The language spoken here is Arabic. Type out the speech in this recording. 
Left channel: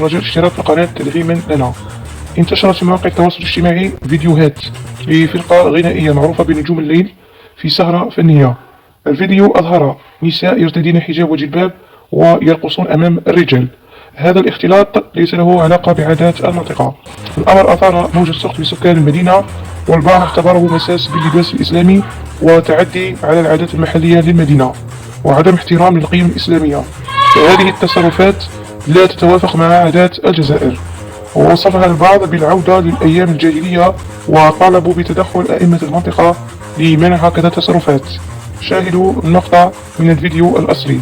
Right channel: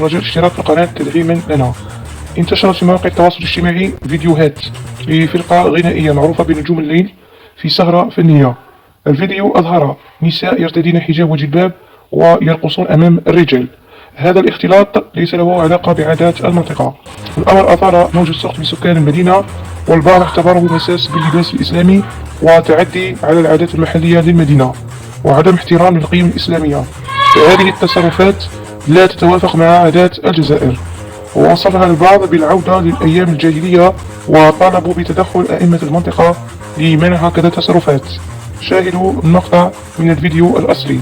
رجاء اشتراك القناة تدعيما لنا. انتشرت في مواقع التواصل الاجتماعي فيديوهات لفرقة غنائية معروفة بنجوم الليل في سهرة فنية. الفيديو أظهر نساء يرتدين حجاب وجلباب ويرقصون أمام الرجال. هذا الاختلاط ليس له علاقة بعادات المنطقة. الأمر أثار موجة سخط لسكان المدينة، والبعض اعتبره مساس باللباس الإسلامي وتعدي على العادات المحلية للمدينة وعدم احترام للقيم الإسلامية. هذه التصرفات لا تتوافق مع عادات الجزائر. ووصفها البعض بالعودة للأيام الجاهلية، وطالبوا بتدخل أئمة المنطقة لمنع هكذا تصرفات. شاهدوا النقطة من الفيديو الأصلي.